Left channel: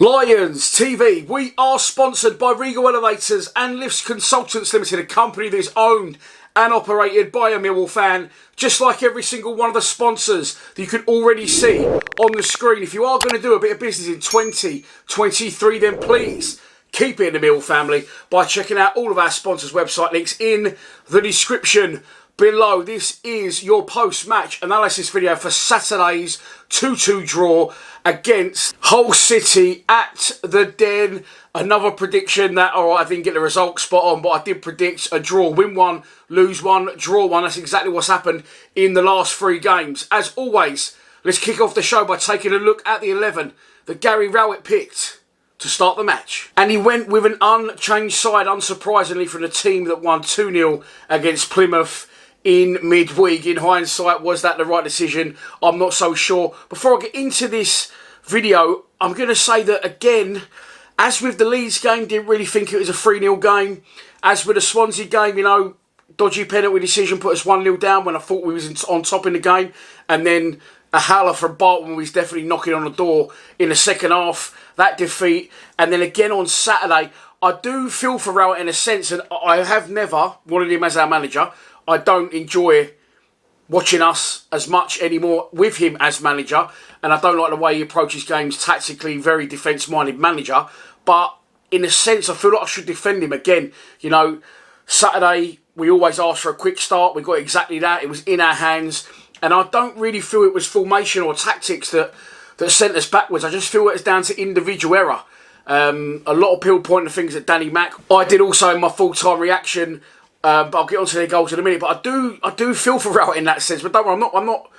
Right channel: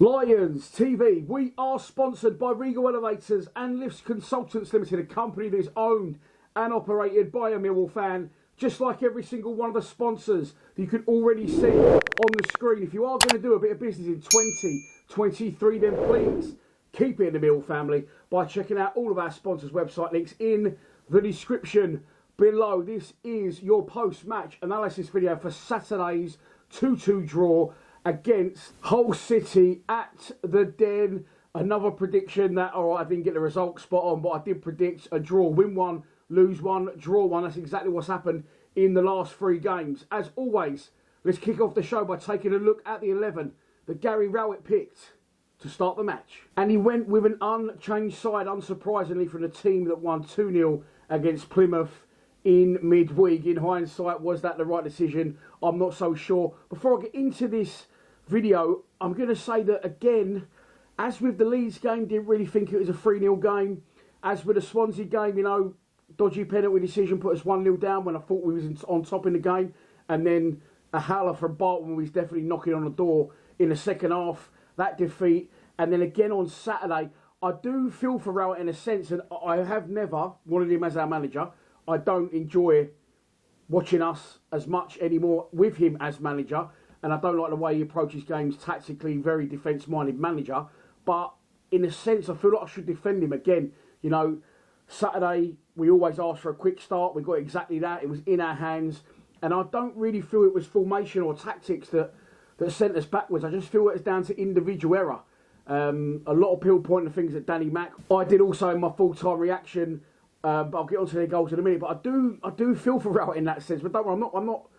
Lions TV, we are sponsored by Regal Elevators and Lifts Consultants Limited, a company that is owned and operated by a Millwall fan, just like every single one of the sponsors that you can already see on the screen. If you are going to do a bit of business in 2023, then please keep it in the Millwall family by checking out all of our sponsors' website links in the description below. This is your post-match analysis video for Saturday's 2-2 draw against Hull City at the Den. Another prediction that, alright, I didn't get the result spot on, but I did predict a draw. Win one, lose one, draw one. That's exactly what's happened in the last three games. As always, let's kick off the show by taking a look at the 11 that Gary Rowett picked to start the match. And he went with an unchanged side, unsurprisingly, from the team that won 2-0 against Plymouth in midweek. In hindsight, was that the right decision? I'm not so sure. Before I get into this video, I'm going to say that again, as with the Leeds game, didn't really think it was a 3-0 game. As with the Swansea game, you know, dodgy penalty decision put us 1-0 down when I thought we was on top in the game. And then a howler from Barton was definitely knocking on the door in the second half. That defeat. And then again on Saturday, I do feel for Rowett in a sense, and I have never wanted him as our manager. I don't enjoy watching us as much anymore with him as manager, and I don't like the way he approaches games tactically, very defence-minded manager. But in a sense, I feel like I should defend him again. You know, Saturday, we always ask for a quick start. We got exactly that. It was in our hands. And I don't really feel it was formation or tactics that sent us backwards. I just feel it's down to individual error. A lot of people pointing the fingers at Danny Mack. I did also in my full-time reaction. But I'll get onto their goals in a minute. But I do feel for Rowett in that sense. But don't worry, I'm not.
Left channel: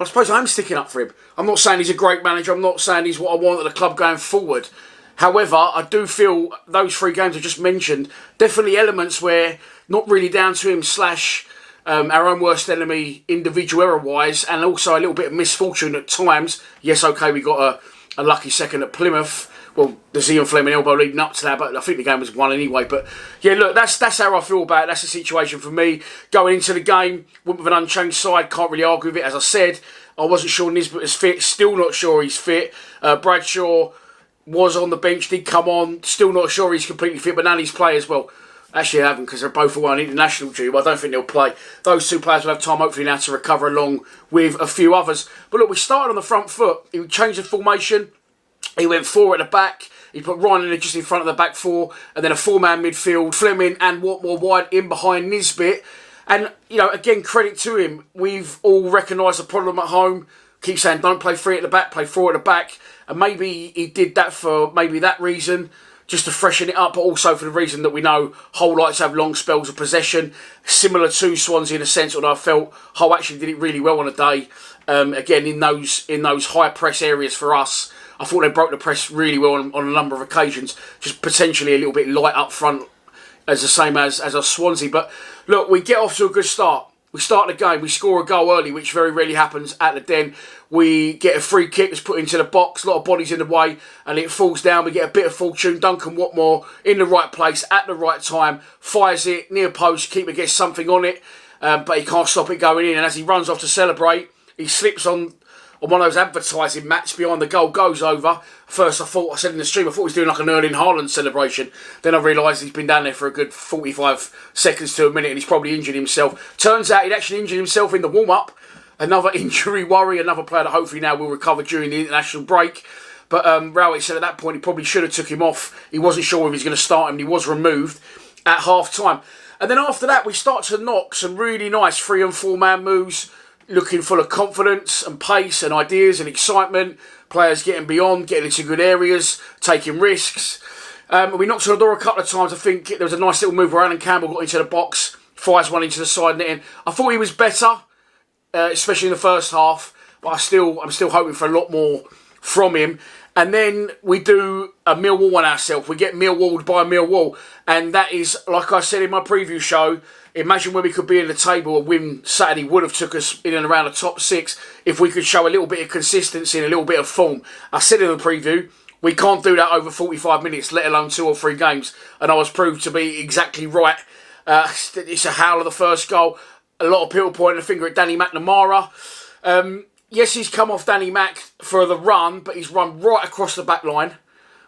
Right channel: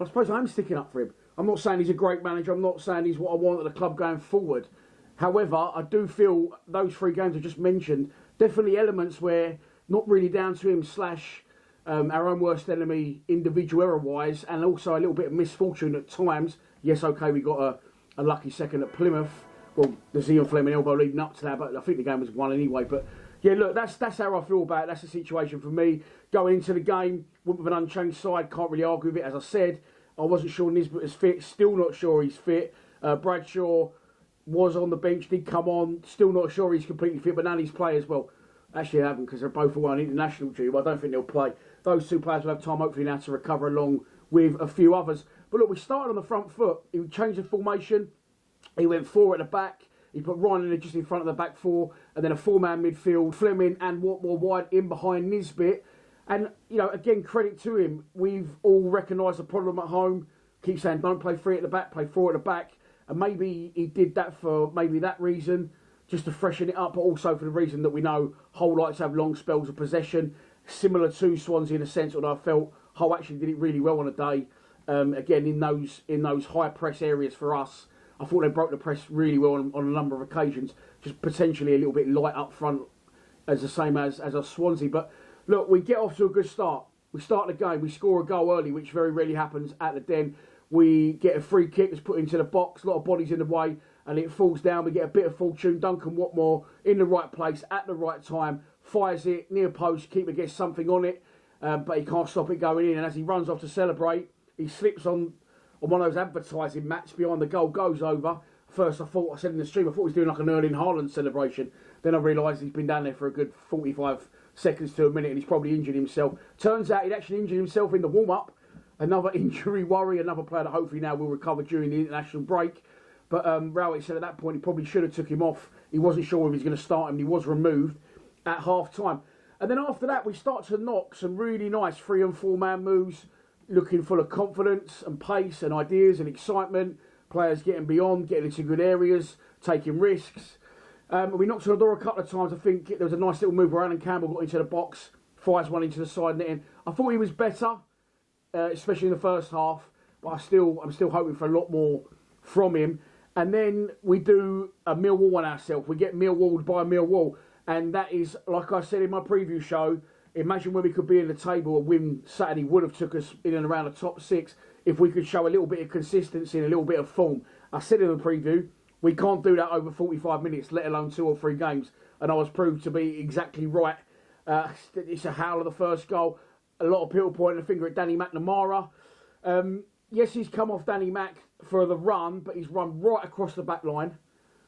I suppose I am sticking up for him. I'm not saying he's a great manager. I'm not saying he's what I want at the club going forward. However, I do feel those three games I just mentioned, definitely elements where not really down to him / our own worst enemy individual error-wise, and also a little bit of misfortune at times. Yes, okay, we got a lucky second at Plymouth. Well, the Zion Fleming elbow leading up to that, but I think the game was won anyway. But yeah, look, that's how I feel about it. That's the situation for me. Going into the game, went with an unchanged side, can't really argue with it. As I said, I wasn't sure Nisbet was fit, still not sure he's fit. Bradshaw was on the bench, did come on, still not sure he's completely fit, but Nanny's play as well. Actually, I haven't, because they're both away on international duty, but I don't think they'll play. Those two players will have time, hopefully, now to recover along with a few others. But look, we started on the front foot. He changed the formation. He went four at the back. He put Ryan in just in front of the back four. And then a four-man midfield. Fleming and Watmore wide in behind Nisbet. And, you know, again, credit to him. We've all recognised the problem at home. Keep saying, don't play three at the back, play four at the back. And maybe he did that for maybe that reason, just to freshen it up, but also for the reason that we know Hull likes to have long spells of possession, similar to Swansea in a sense, although I felt Hull actually did it really well on the day. Again, in those high press areas for us, I thought they broke the press really well on a number of occasions, just potentially a little bit light up front, as the same as our Swansea. But look, we get off to a good start. We start the game, we score a goal early, which very rarely happens at the Den. We get a free kick that's put into the box, a lot of bodies in the way, and it falls down. We get a bit of fortune. Duncan Watmore in the right place at the right time, fires it near post, keeper gets something on it, but he can't stop it going in. And as he runs off to celebrate, he slips on one of those advertising mats behind the goal, goes over. First, I said in the stream, I thought he was doing like an Erling Haaland celebration. Then I realised he's been down there for a good 45 seconds to a minute and he's probably injured himself. Turns out he'd actually injured himself in the warm-up. Another injury worry, another player that hopefully now will recover during the international break. But Rowett said at that point he probably should have took him off. He wasn't sure if he was going to start him and he was removed at half-time. And then after that, we start to knock some really nice 3- and 4-man moves, looking full of confidence and pace and ideas and excitement. Players getting beyond, getting into good areas, taking risks. We knocked on the door a couple of times. I think there was a nice little move where Alan Campbell got into the box, fires one into the side netting. I thought he was better, especially in the first half, but I'm still hoping for a lot more from him. And then we do a Millwall on ourselves. We get Millwalled by Millwall. And that is, like I said in my preview show, imagine where we could be in the table. A win Saturday would have took us in and around the top 6 if we could show a little bit of consistency and a little bit of form. I said in the preview, we can't do that over 45 minutes, let alone 2 or 3 games. And I was proved to be exactly right. It's a howl of the first goal. A lot of people pointing the finger at Danny McNamara. Yes, he's come off Danny Mack for the run, but he's run right across the back line.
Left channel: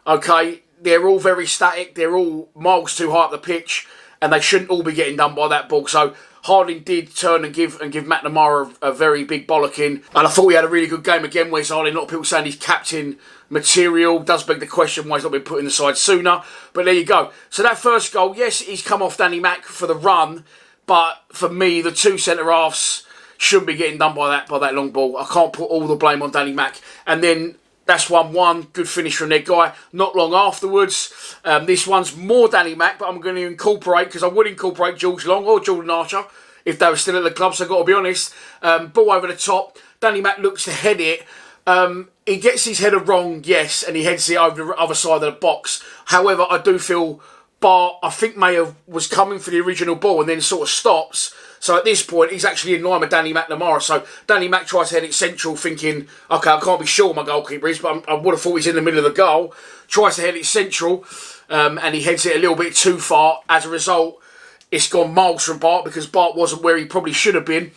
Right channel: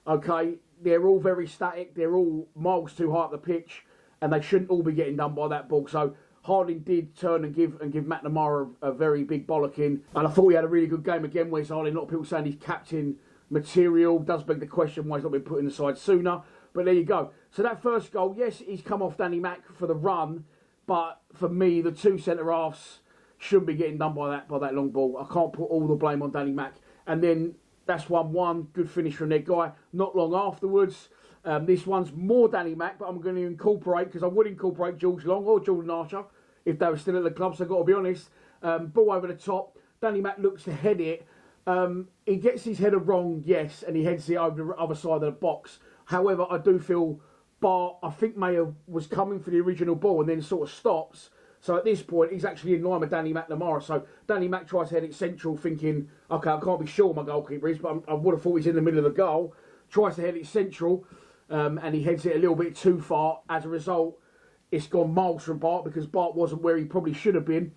Okay, they're all very static. They're all miles too high up the pitch, and they shouldn't all be getting done by that ball. So Harding did turn and give McNamara a very big bollocking. And I thought he had a really good game again, Wes Harding. A lot of people saying he's captain material. Does beg the question why he's not been put in the side sooner. But there you go. So that first goal, yes, he's come off Danny Mac for the run. But for me, the two centre-halves shouldn't be getting done by that long ball. I can't put all the blame on Danny Mac. And then that's 1-1. Good finish from their guy. Not long afterwards. This one's more Danny Mac, but I'm going to incorporate, because I would incorporate George Long or Jordan Archer if they were still at the club, so I've got to be honest. Ball over the top. Danny Mac looks to head it. He gets his header wrong, yes, and he heads it over the other side of the box. However, I do feel Bart, I think, was coming for the original ball and then sort of stops. So at this point, he's actually in line with Danny McNamara. So Danny Mac tries to head it central, thinking, okay, I can't be sure my goalkeeper is, but I would have thought he's in the middle of the goal. Tries to head it central, and he heads it a little bit too far. As a result, it's gone miles from Bart, because Bart wasn't where he probably should have been.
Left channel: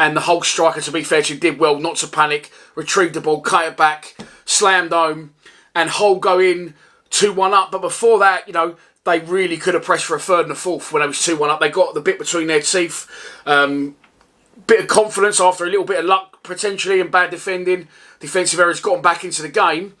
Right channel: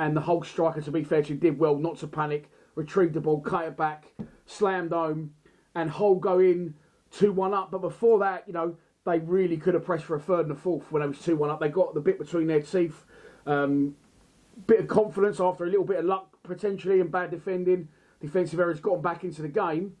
And the Hull striker, to be fair to him, did well not to panic, retrieved the ball, cut it back, slammed home, and Hull go in 2-1 up. But before that, they really could have pressed for a third and a fourth when they was 2-1 up. They got the bit between their teeth. Bit of confidence after a little bit of luck, potentially, and bad defending. Defensive errors got them back into the game.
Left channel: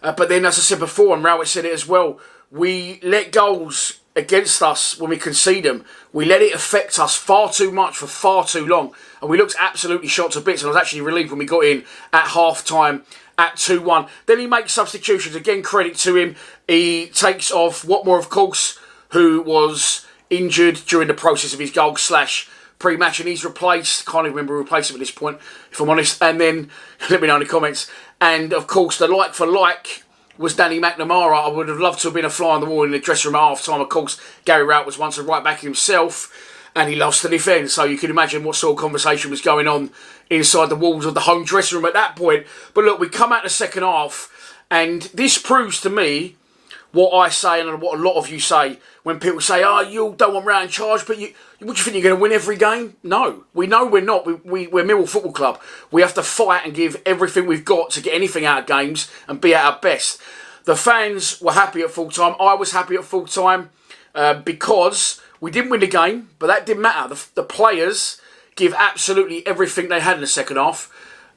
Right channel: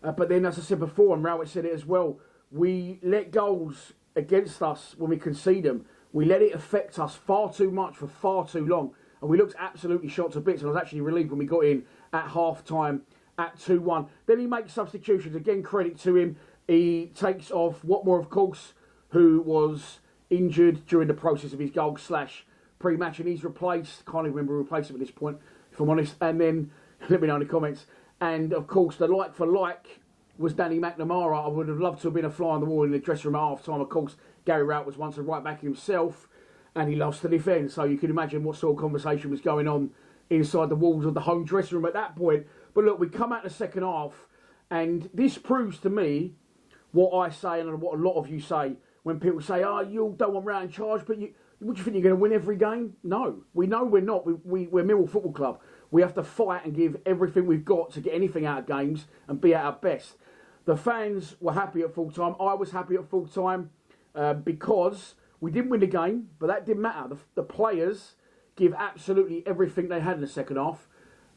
But then, as I said before, and Rowett said it as well, we let goals against us when we concede them. We let it affect us far too much for far too long. And we looked absolutely shot to bits. And I was actually relieved when we got in at half-time at 2-1. Then he makes substitutions. Again, credit to him. He takes off Watmore, of course, who was injured during the process of his goal / pre-match, and he's replaced. Can't even remember who replaced him at this point, if I'm honest. And then, let me know in the comments. And, of course, the like for like was Danny McNamara. I would have loved to have been a fly on the wall in the dressing room at half-time. Of course, Gary Rowett was once a right-back himself, and he loves to defend. So you can imagine what sort of conversation was going on inside the walls of the home dressing room at that point. But look, we come out the second half, and this proves to me what I say and what a lot of you say when people say, oh, you don't want Rowett in charge, but what do you think, you're going to win every game? No, we know we're not. We're Millwall Football Club. We have to fight and give everything we've got to get anything out of games and be at our best. The fans were happy at full time. I was happy at full time because we didn't win the game, but that didn't matter. The players give absolutely everything they had in the second half,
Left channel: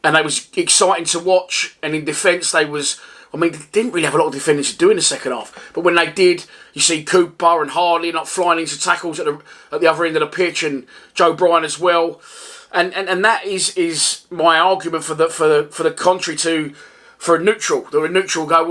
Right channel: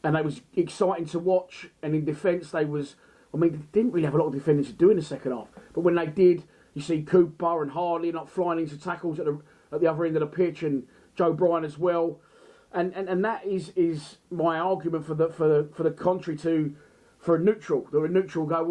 and they was exciting to watch. And in defence, they didn't really have a lot of defending to do in the second half. But when they did, you see Cooper and Harley not flying into tackles at the other end of the pitch, and Joe Bryan as well. And that is my argument for the contrary for a neutral. The neutral go,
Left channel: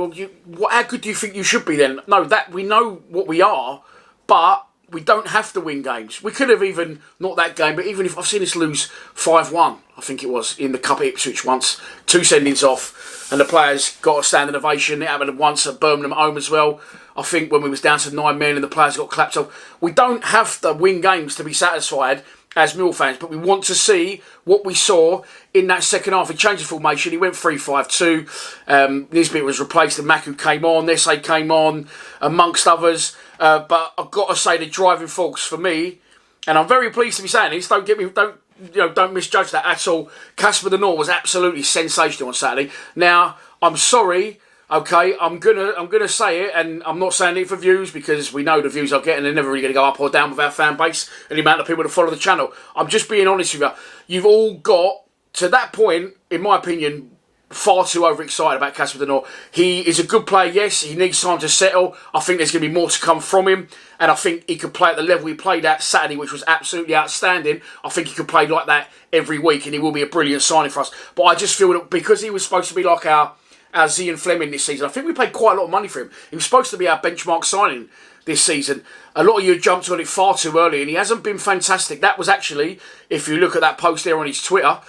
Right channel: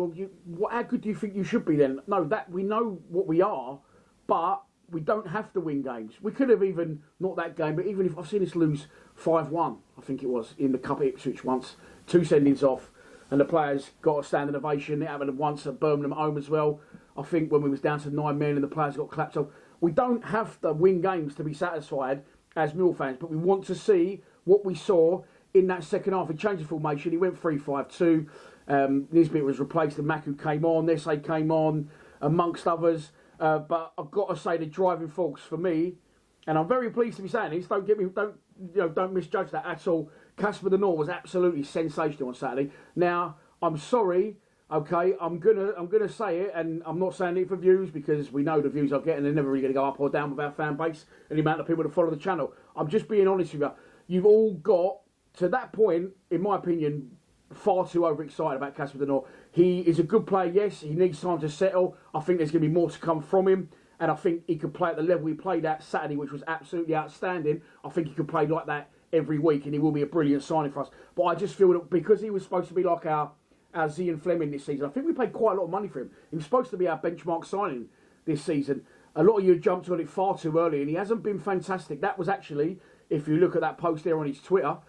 well, how good do you think you should be then? No, that we know what we are, but we don't have to win games. We could have even, not that game, but even if I've seen us lose 5-1, I think it was, in the Cup at Ipswich once, 2 sendings off, and the players got a standing ovation. It happened once at Birmingham at home as well. I think when we was down to 9 men and the players got clapped off. We don't have to win games to be satisfied as Mill fans, but we want to see what we saw in that second half. He changed the formation. He went 3-5-2. Nisbet was replaced and Maku came on. Nesse came on, amongst others. But I've got to say the driving force for me, and I'm very pleased to be saying this. Don't misjudge that at all. Casper De Norre was absolutely sensational on Saturday. Now, I'm sorry. Okay, I'm gonna say it, and I'm not saying it for views, because we know the views I get, and they're never really going to go up or down with our fan base and the amount of people that follow the channel. I'm just being honest with you. You've all got to that point, in my opinion, far too overexcited about Casper De Norre. He is a good player, yes. He needs time to settle. I think there's going to be more to come from him, and I think he could play at the level he played at Saturday, which was absolutely outstanding. I think he could play like that every week, and he will be a brilliant signing for us. But I just feel that because he was supposed to be like our Zian Fleming this season, I think we paid quite a lot of money for him. He was supposed to be our benchmark signing this season. A lot of you jumped on it far too early, and he hasn't been fantastic. That was actually, if you look at that post there on his Twitter,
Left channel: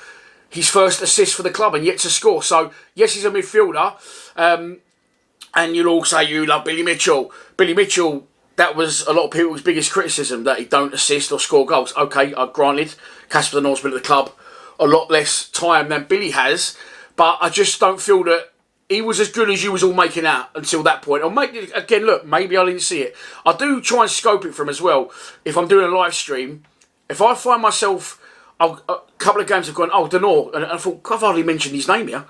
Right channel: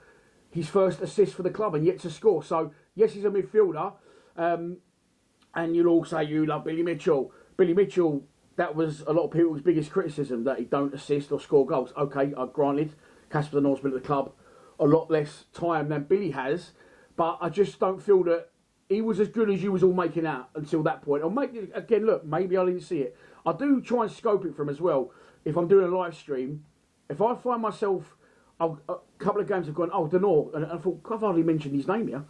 his first assist for the club and yet to score. So, yes, he's a midfielder. And you'll all say you love Billy Mitchell. Billy Mitchell, that was a lot of people's biggest criticism, that he don't assist or score goals. Okay, granted, Casper De Norre's been at the club a lot less time than Billy has, but I just don't feel that he was as good as you was all making out until that point. Or again, look, maybe I didn't see it. I do try and scope it for him as well. If I'm doing a live stream, if I find myself, a couple of games have gone, De Norre, and I thought, I've hardly mentioned his name here.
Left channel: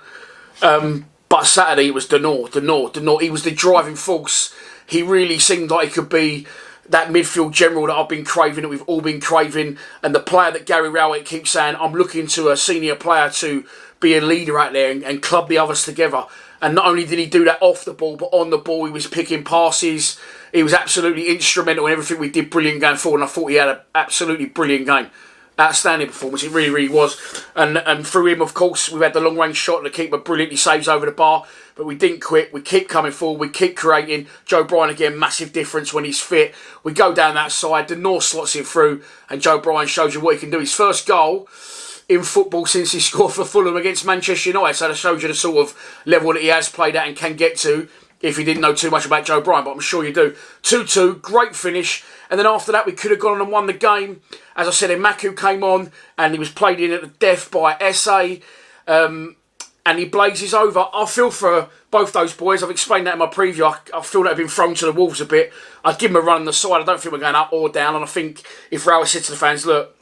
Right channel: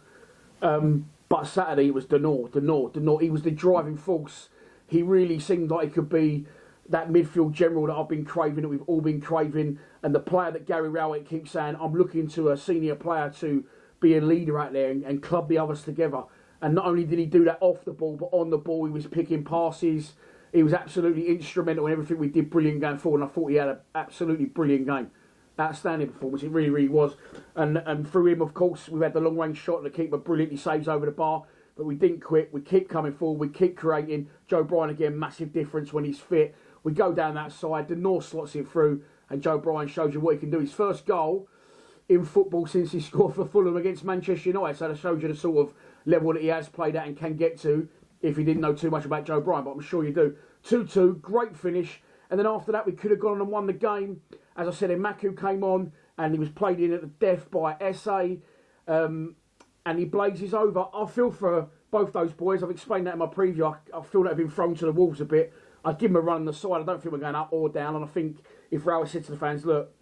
But Saturday it was Denor. He was the driving force. He really seemed like he could be that midfield general that I've been craving, that we've all been craving, and the player that Gary Rowett keeps saying, I'm looking to a senior player to be a leader out there and club the others together. And not only did he do that off the ball, but on the ball he was picking passes. He was absolutely instrumental in everything we did, brilliant going forward, and I thought he had an absolutely brilliant game. Outstanding performance, it really, really was. And through him, of course, we've had the long-range shot, the keeper brilliantly saves over the bar, but we didn't quit. We keep coming forward, we keep creating. Joe Bryan, again, massive difference when he's fit. We go down that side, the North slots it through, and Joe Bryan shows you what he can do. His first goal in football since he scored for Fulham against Manchester United, so that shows you the sort of level that he has played at and can get to, if you didn't know too much about Joe Bryan, but I'm sure you do. 2-2, great finish. And then after that, we could have gone on and won the game. As I said, Maku came on and he was played in at the death by SA. And he blazes over. I feel for both those boys. I've explained that in my preview. I feel that they've been thrown to the wolves a bit. I'd give them a run on the side. I don't think we're going up or down. And I think if Rowett said to the fans, look,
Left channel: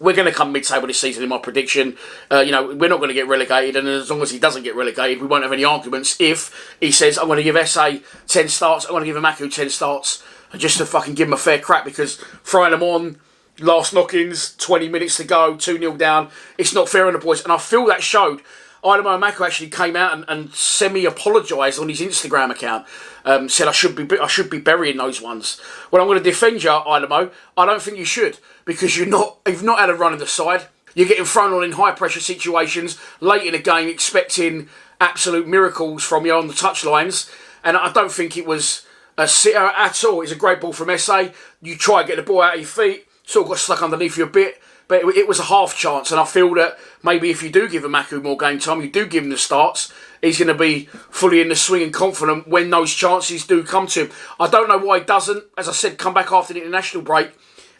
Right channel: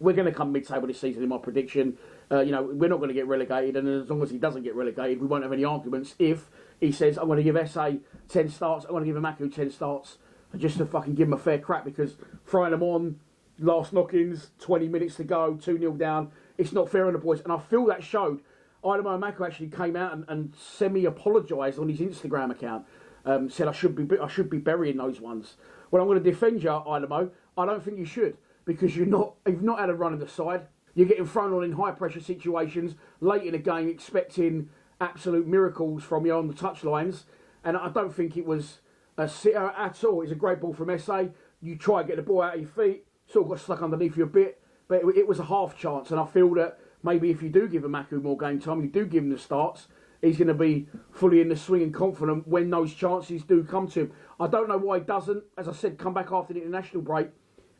we're going to come mid-table this season in my prediction. We're not going to get relegated, and as long as he doesn't get relegated, we won't have any arguments. If he says, I'm going to give SA 10 starts, I'm going to give Maku 10 starts, just to fucking give him a fair crack, because throwing them on, last knock-ins, 20 minutes to go, 2-0 down, it's not fair on the boys. And I feel that showed. Idemo Maku actually came out and semi-apologised on his Instagram account. Said I should be burying those ones. Well, I'm going to defend you, Idemo. I don't think you should, because you've not had a run in the side. You're getting thrown on in high pressure situations late in the game, expecting absolute miracles from you on the touchlines, and I don't think it was a sitter at all. It's a great ball from SA. You try to get the ball out of your feet, sort of got stuck underneath you a bit, but it was a half chance, and I feel that maybe if you do give Maku more game time, you do give him the starts, he's going to be fully in the swing and confident when those chances do come to him. I don't know why he doesn't. As I said, come back after the international break,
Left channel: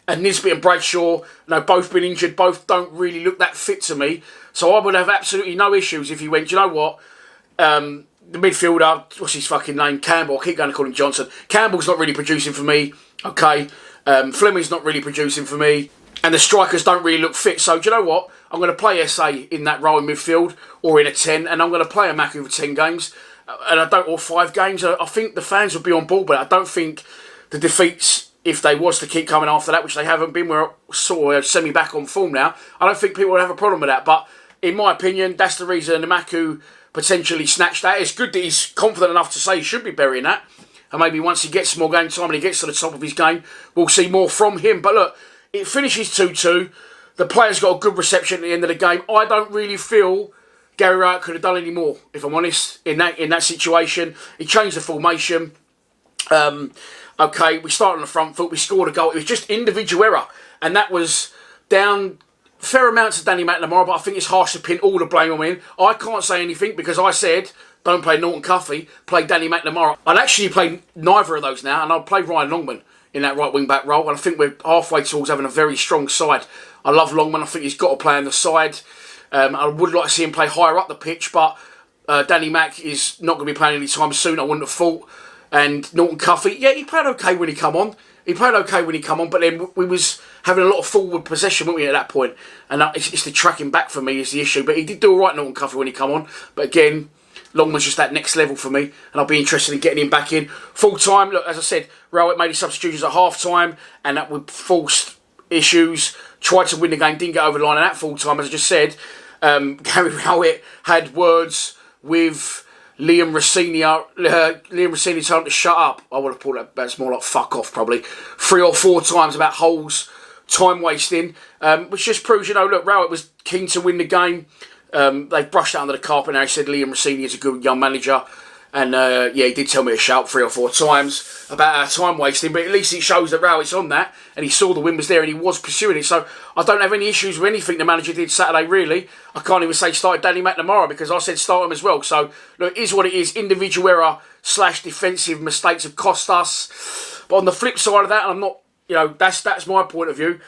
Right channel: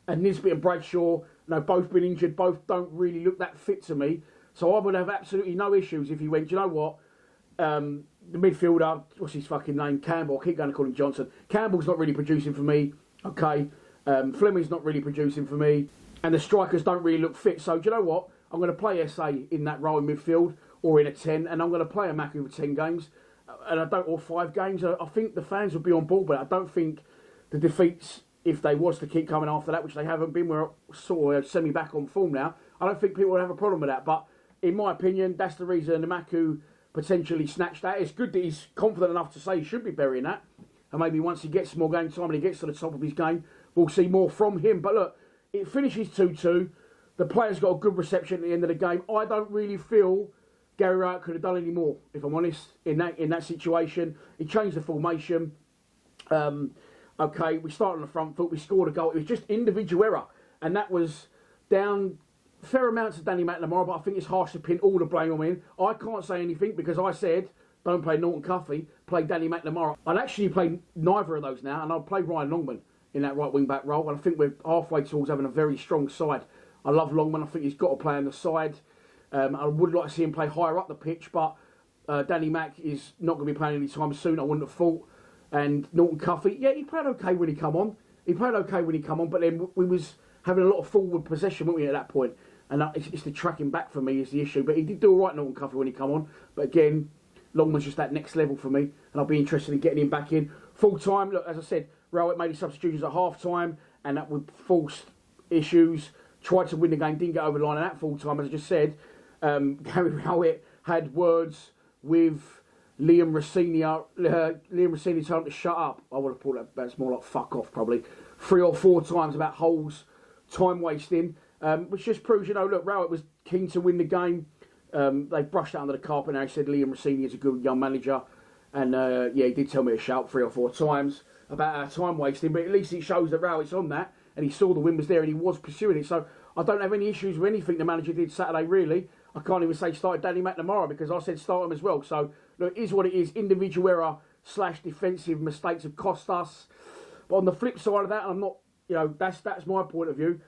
and Nisbet and Bradshaw, both been injured, both don't really look that fit to me. So I would have absolutely no issues if he went, you know what, the midfielder, what's his fucking name, Campbell, I keep going to call him Johnson. Campbell's not really producing for me, okay. Fleming's not really producing for me, and the strikers don't really look fit. So do you know what? I'm going to play SA in that role in midfield, or in a 10, and I'm going to play a Maku for 10 games, or 5 games. I think the fans would be on board, but I don't think the defeats, if they was to keep coming after that, which they haven't been, we're sort of semi-back on form now, I don't think people would have a problem with that. But in my opinion, that's the reason the Maku potentially snatched that. It's good that he's confident enough to say he should be burying that, and maybe once he gets more game time and he gets to the top of his game, we'll see more from him. But look, it finishes 2-2. The players got a good reception at the end of the game. I don't really feel Gary Rowett could have done any more, if I'm honest, in that situation. He changed the formation. Okay, we started on the front foot, we scored a goal. It was just individual error, and that was down fair amounts to Danny McNamara, but I think it's harsh to pin all the blame on him. I can't say anything because I said, don't play Norton Cuffy, play Danny McNamara. I'd actually play neither of those now, and I'll play Ryan Longman in that right wing-back role, and I think we're halfway towards having a very strong side. I love Longman, I think he's got to play on the side. I would like to see him play higher up the pitch, but Danny Mac is not going to be playing any time soon, I wouldn't have thought. And Norton Cuffy, yeah, he played okay when he come on. But then we was having a lot of forward possession, weren't we, at that point? And it's the tracking back for me is the issue. But he did do all right, Norton Cuffy, when he come on. But again, Longman's just that next level for me, and I'll be interested in getting him back in. Full time, look, as I said, Rowett made his substitutions at half time, and that would forced issues. Tried to win the game, didn't get over the line, and at full time, as I just said, Gary Rowett had words with Liam Rossini. Liam Rossini told him to shut up. I would have thought that's more like fuck off, probably 3 or 4 times about Hull's time wasting, which just proves, look, Rowett was keen to win the game. They brushed that under the carpet. Now he said Liam Rossini is a good young manager, and he did tell me to shout 3 or 4 times about our time wasting, but at least it shows that Rowett's on that, and he saw the win was there and he was pursuing it. So I don't have any issues with anything the manager did Saturday, really. I can't even say started Danny McNamara, because I said start him as well. So look, it is what it is. Individual error / defensive mistakes have cost us. But on the flip side of that, and I'm not, that's my point of view.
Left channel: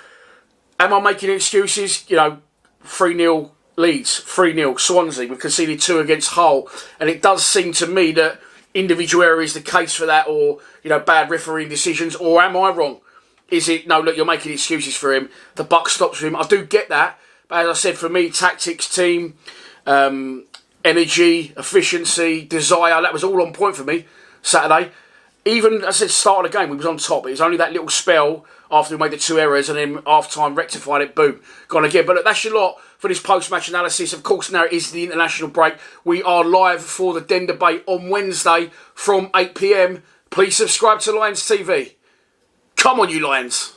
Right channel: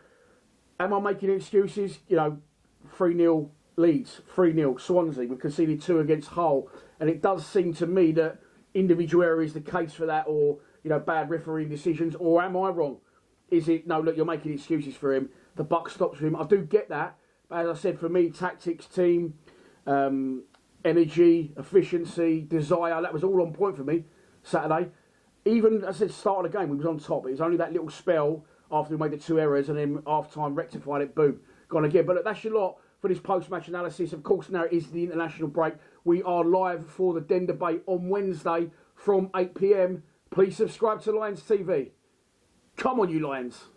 Am I making excuses? 3-0 Leeds, 3-0 Swansea. We've conceded 2 against Hull, and it does seem to me that individual error is the case for that, or bad refereeing decisions. Or am I wrong? Is it no? Look, you're making excuses for him. The buck stops with him. I do get that, but as I said, for me, tactics, team, energy, efficiency, desire. That was all on point for me Saturday. Even, as I said, start of the game, we was on top. It was only that little spell after we made the 2 errors and then half-time rectified it, boom, gone again. But look, that's your lot for this post-match analysis. Of course, now it is the international break. We are live for the Den debate on Wednesday from 8 p.m. Please subscribe to Lions TV. Come on, you Lions.